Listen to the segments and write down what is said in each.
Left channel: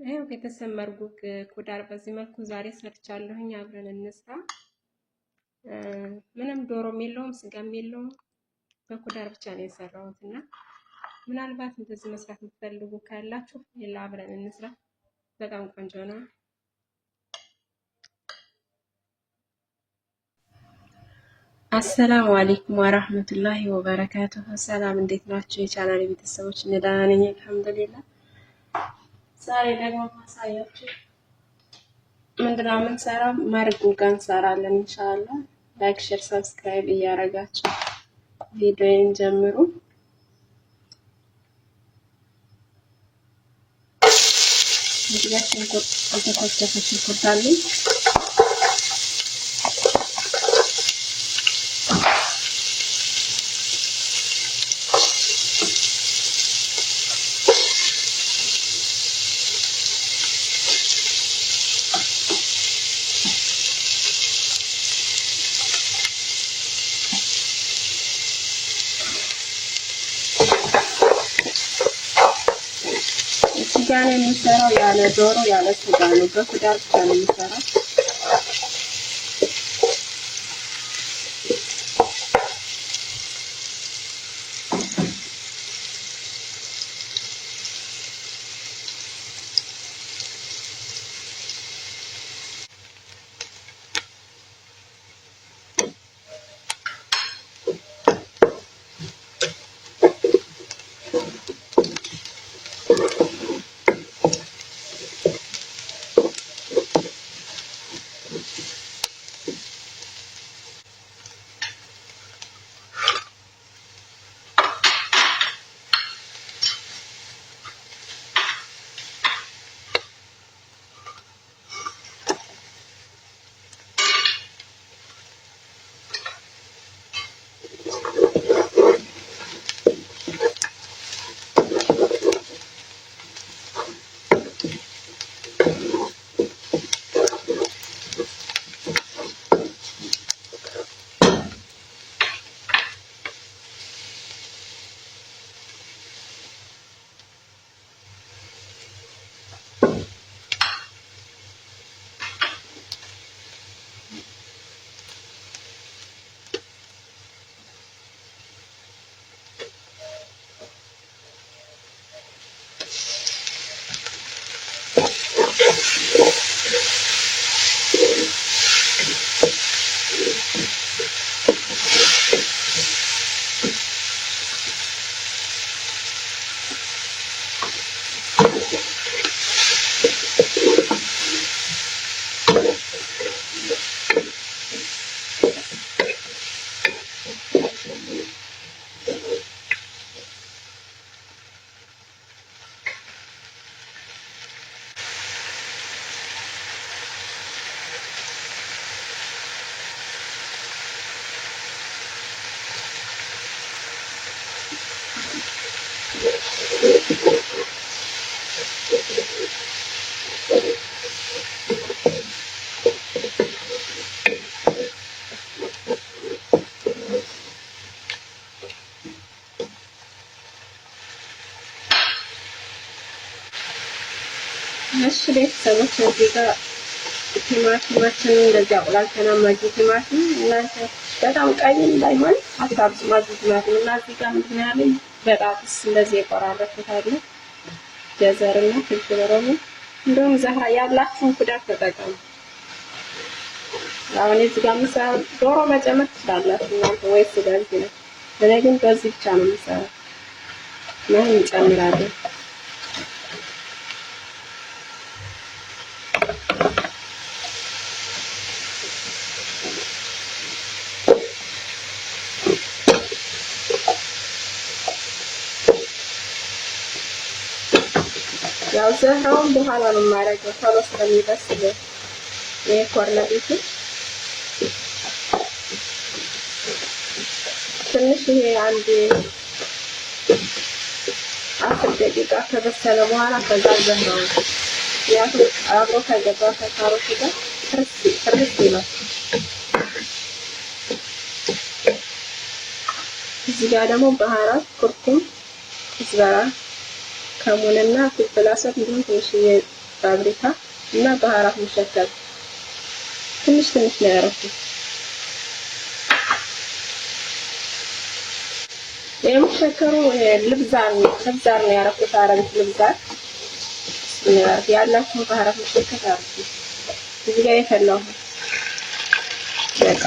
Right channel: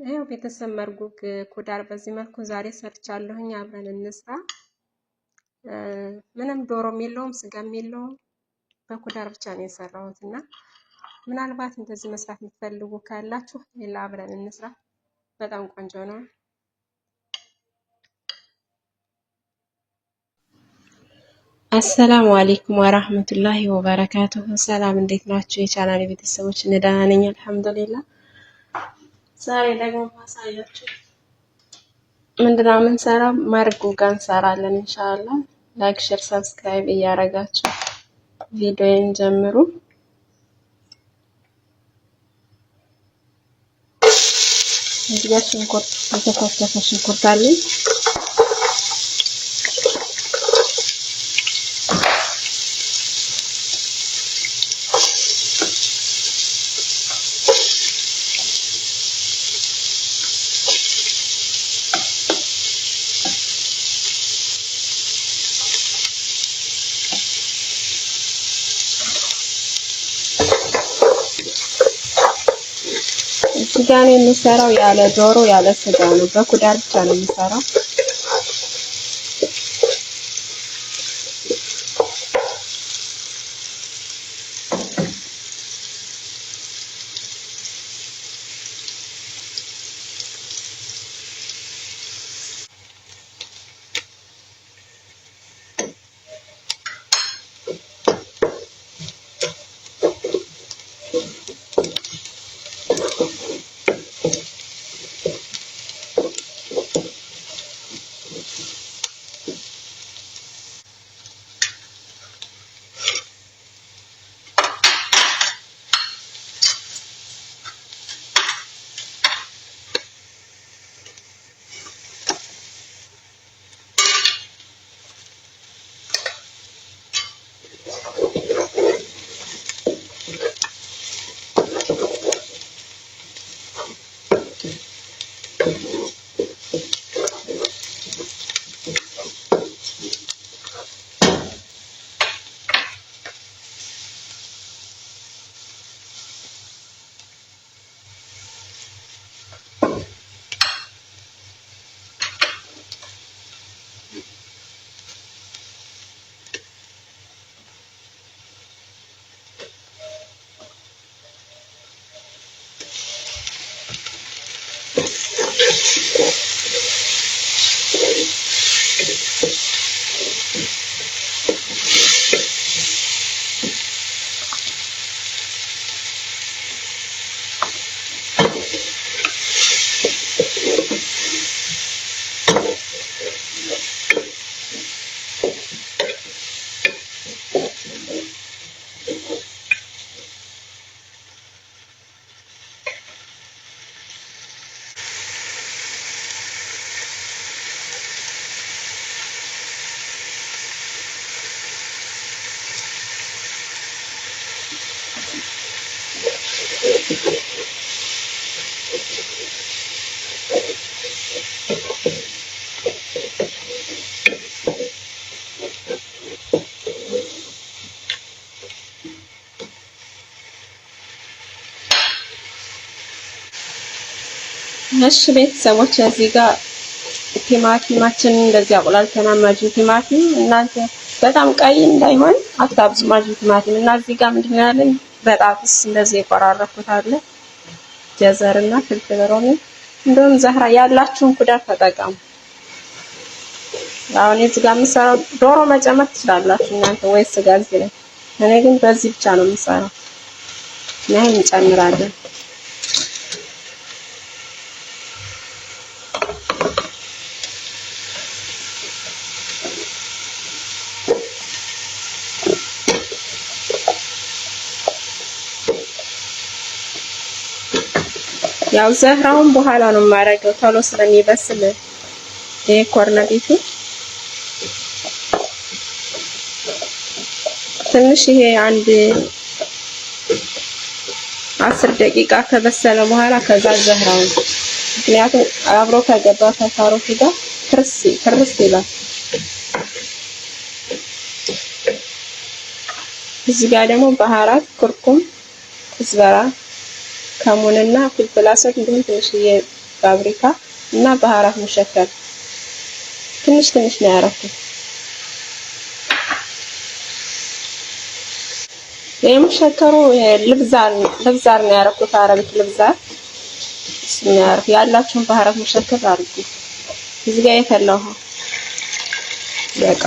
ይኸው ቤተሰብ መርጉግ ኩዳር በዚህ መልኩ ዛሬ ሰርቻለሁኝ። አብረን እንስራ። ምንም ዶሮም የለውም ስጋም የለውም በኩዳር ብቻ ነው የሰራሁት እና ምናልባት እንደዚህ መስራት የምትፈልጉ ካላችሁ ሌላ አብረን እንስራ። በጣም ቆንጆ ነው። አሰላሙ አለይኩም ወራህመቱላሂ ወበረካቱሁ። ሰላም እንዴት ናችሁ የቻናሌ ቤተሰቦች? ደህና ነኝ አልሐምዱሊላህ። ዛሬ ደግሞ ማሳያችሁ ምንድነው የምንሰራው መርጉጋ እንሰራለን ኢንሻአላህ። ላይክ ሼር ሰብስክራይብ እያደረጋችሁ ቪዲዮን ጀምሩ። እዚህ ሽንኩርት የተከተፈ ሽንኩርት አለኝ። ስጋ ነው የምሰራው፣ ያለ ዶሮ ያለ ስጋ ነው። በኩዳር ብቻ ነው የምሰራው። እሺ ቤተሰቦች እዚህ ጋር ቲማቲማችንን እንደዚህ አቆላልተናል። ማጂ ቲማቲም እናንተ በጣም ቀይ እንዳይሆን አታብዙ ማጂ ቲማቲም እና እዚህ ጋር ምንድነው ያለን በጣጥስ እንደዚህ የቆራረኩት አለ። ጀዘርና ፍልፍል ሮሚ እንደውም ዘህራ ያላችሁን ኩዳር ተጠቀሙ። አሁን እዚህ ጋር የምሰራው ዶሮ መጨመር ትችላላችሁ እናንተ ወይ ስጋ እዚህ ላይ። እኔ ግን በዚህ ብቻ ነው የምሰራው። ይሄን እንጨምራለን። ያው ዘህራውን በኋላ ነው የማደርገው ቶሎ ስለሚበስል ይሄ ኮርነቢቱ ትንሽ ይሄ አንድ 10 ደቂቃ ከበሰለ በኋላ ከዛ ዘህራውን ምክንያቱም አብሮ ከገባ ከካሮቱ ጋር ፍርስ ይላል። እዚህ ጋር ደግሞ ባህራት ኩርኩም ዝበራ ከሙንና ፍልፍል አስወድ እንዲሁም ትንሽዬ ፋብሪካ እና ባህራት ሙሸከል ትንሽ ትንሽ ነው ያደረኩት። የሙሸከሩ ልብዛር ነው ያደረኩት። አረቢክ ልብዛር ስናር ያላችሁን ባህራት ሙሸከል አድርጉ። እዚህ ጋር የፈላው ውሃ በቃ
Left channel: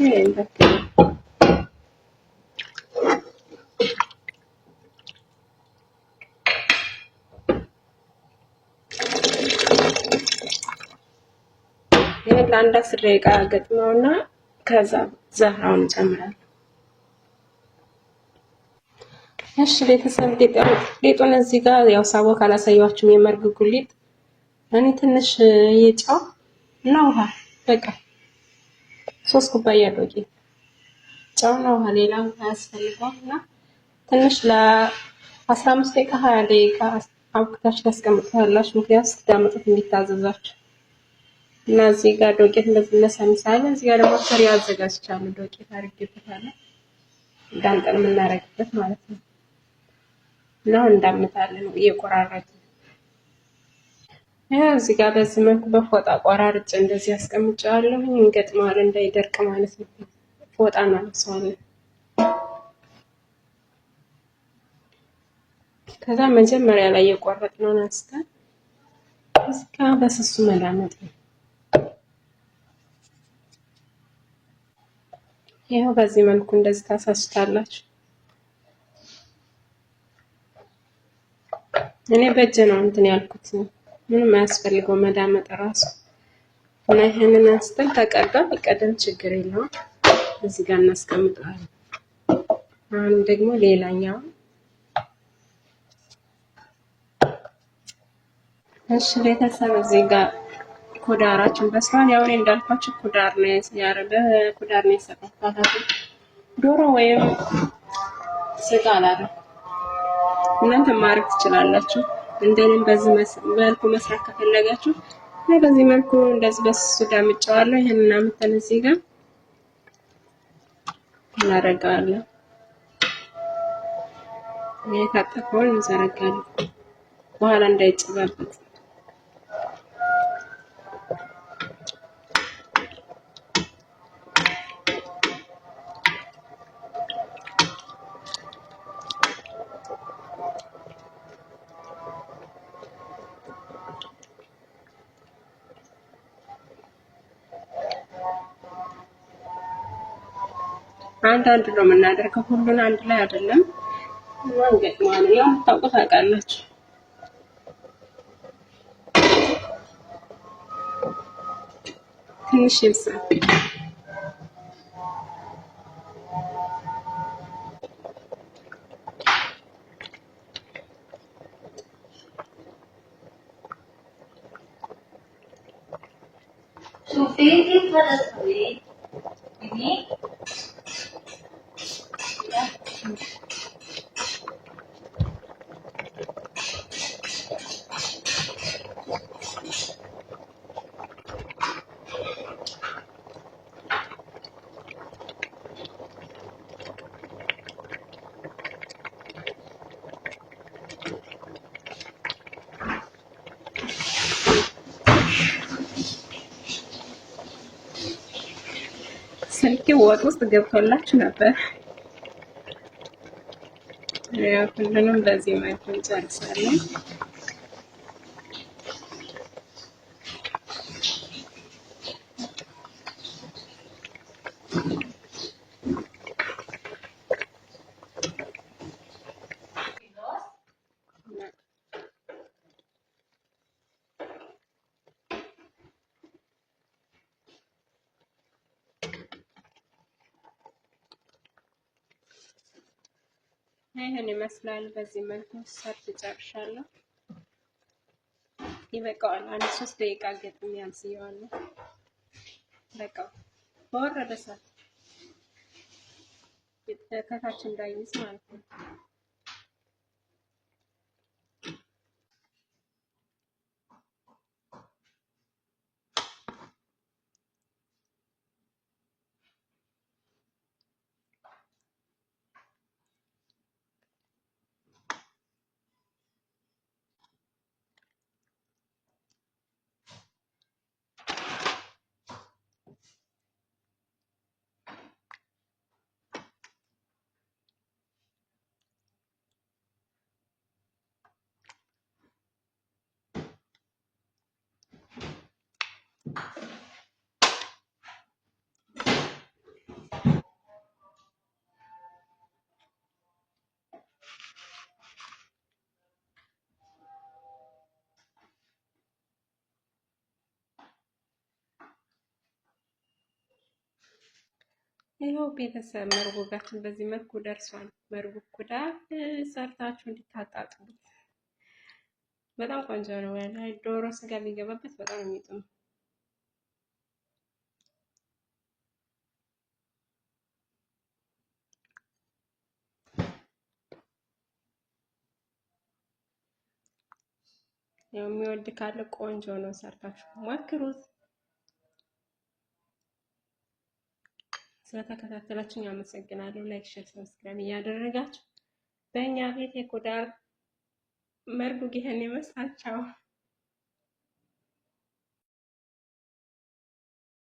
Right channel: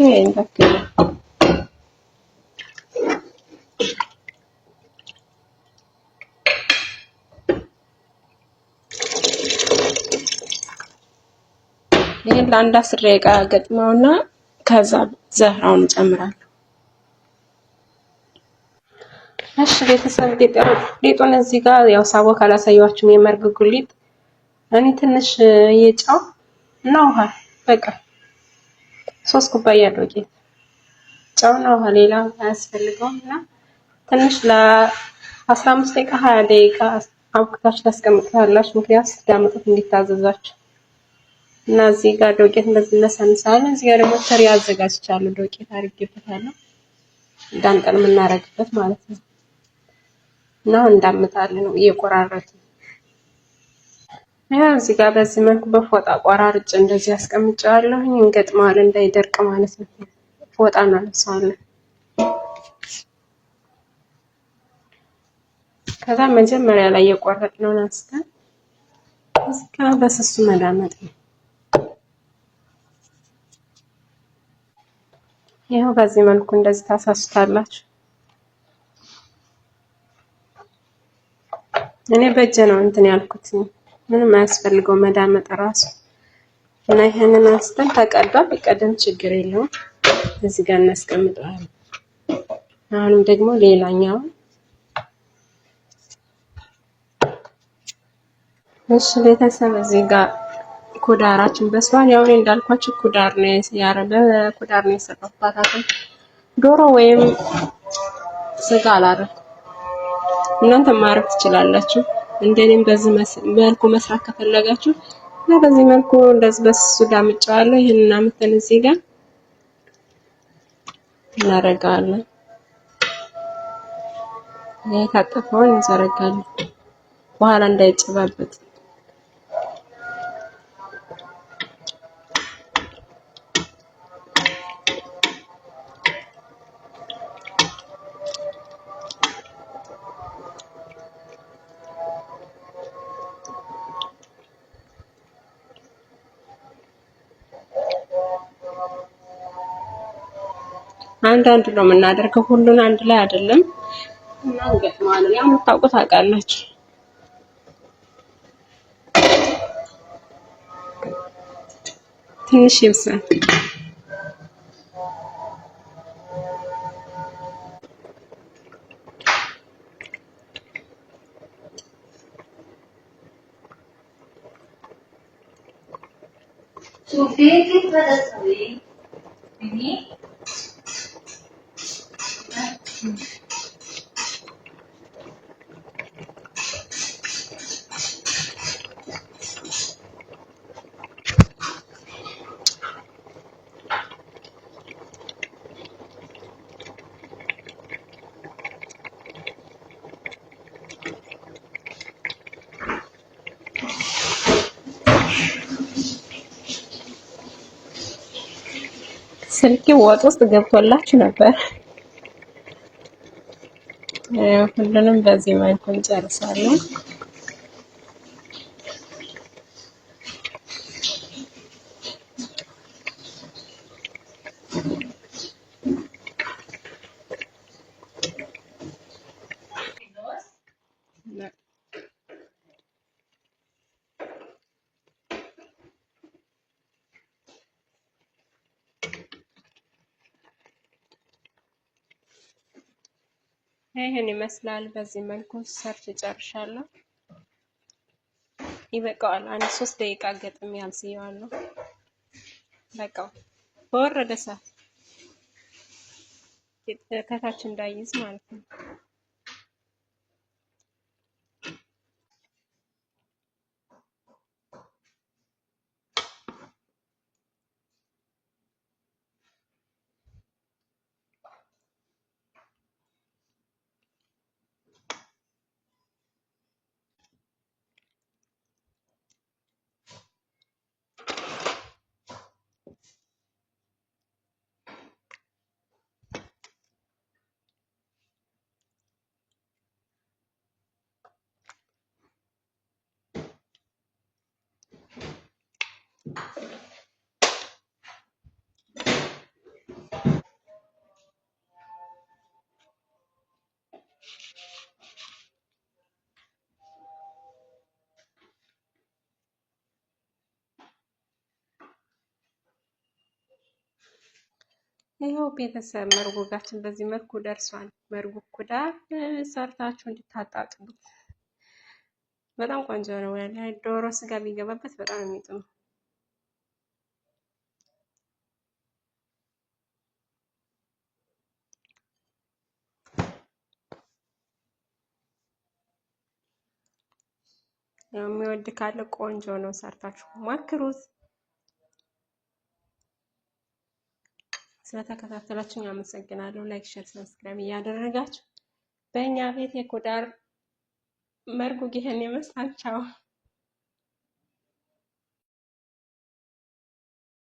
ይሄን ተከለ ይሄን ለአንድ 10 ደቂቃ ገጥመውና ከዛ ዘህራውን ጨምራለሁ። እሺ ቤተሰብ ሊጡን እዚህ ጋር ያው ሳቦ ካላሳያችሁም የመርግ ሊጥ እኔ ትንሽ የጨው እና ውሃ በቃ 3 ኩባያ ዱቄት ጨውና ውሃ ሌላ አያስፈልገውም እና ትንሽ ለ15 ደቂቃ 20 ደቂቃ አብኩታችሁ ታስቀምጡታላችሁ። ምክንያቱም ስትዳምጡት እንዲታዘዛችሁ እና እዚህ ጋር ዱቄት እንደዚህ ለሰንሳለሁ። እዚህ ጋር ደግሞ ተሪ አዘጋጅቻለሁ። ዱቄት አድርጌበታለሁ ዳምጠን የምናረግበት ማለት ነው። እና እንዳምጣለን ነው እየቆራረጥን እዚህ ጋር በዚህ መልኩ በፎጣ ቆራርጬ እንደዚህ አስቀምጫለሁ። እንገጥመዋለን እንዳይደርቅ ማለት ነው። ፎጣ እናነሳዋለን። ከዛ መጀመሪያ ላይ የቆረጥነውን አንስተን እዚህ ጋር በስሱ መዳመጥ ነው። ይሄው በዚህ መልኩ እንደዚህ ታሳስታላችሁ። እኔ በእጄ ነው እንትን ያልኩት ምንም አያስፈልገው መዳመጥ ራሱ እና ይሄንን አንስተን ተቀዷል። ይቀደም ችግር የለውም። እዚህ ጋር እናስቀምጠዋለን። አሁንም ደግሞ ሌላኛው እሺ ቤተሰብ እዚህ ጋር ኩዳራችን በስሏል። ያው እኔ እንዳልኳችሁ ኩዳር ነው ኩዳር ነው የሰራሁት። ዶሮ ወይም ስጋ አላረኩም። እናንተ ማረግ ትችላላችሁ። እንደኔም በዚህ መልኩ መስራት ከፈለጋችሁ እና በዚህ መልኩ እንደዚህ በስሱ ዳምጫዋለሁ። ይሄንን አምጥተን እዚህ ጋር እናረጋለን። የታጠፈውን እንዘረጋለን በኋላ እንዳይጨባበጥ። አንዳንድ ነው የምናደርገው፣ ሁሉን አንድ ላይ አይደለም። እና እንገጥመዋለን። ያው የምታውቁት ታውቃላችሁ። ትንሽ ይብሳል። شوفي كيف بدها تسوي فيني ስልኬ ወጥ ውስጥ ገብቶላችሁ ነበር። ሁሉንም በዚህ መልኩ እንጨርሳለን። ይሄን ይመስላል። በዚህ መልኩ ሰርች ጨርሻለሁ። ይበቃዋል። አንድ 3 ደቂቃ ገጥም ያብስየዋለሁ። በቃው። በወረደ ሰዓት ከታች እንዳይዝ ማለት ነው። ይኸው ቤተሰብ መርጎጋችን በዚህ መልኩ ደርሷል። መርጉ ኩዳር ሰርታችሁ እንድታጣጥሙት በጣም ቆንጆ ነው። ዶሮ ስጋ ቢገባበት በጣም የሚጥም የሚወድ ካለ ቆንጆ ነው። ሰርታችሁ ሞክሩት። ስለተከታተላችሁ አመሰግናለሁ። ላይክ፣ ሼር፣ ሰብስክራይብ እያደረጋችሁ በእኛ ቤት የኩዳር መርጉ ይሄን ይመስላል። ቻው።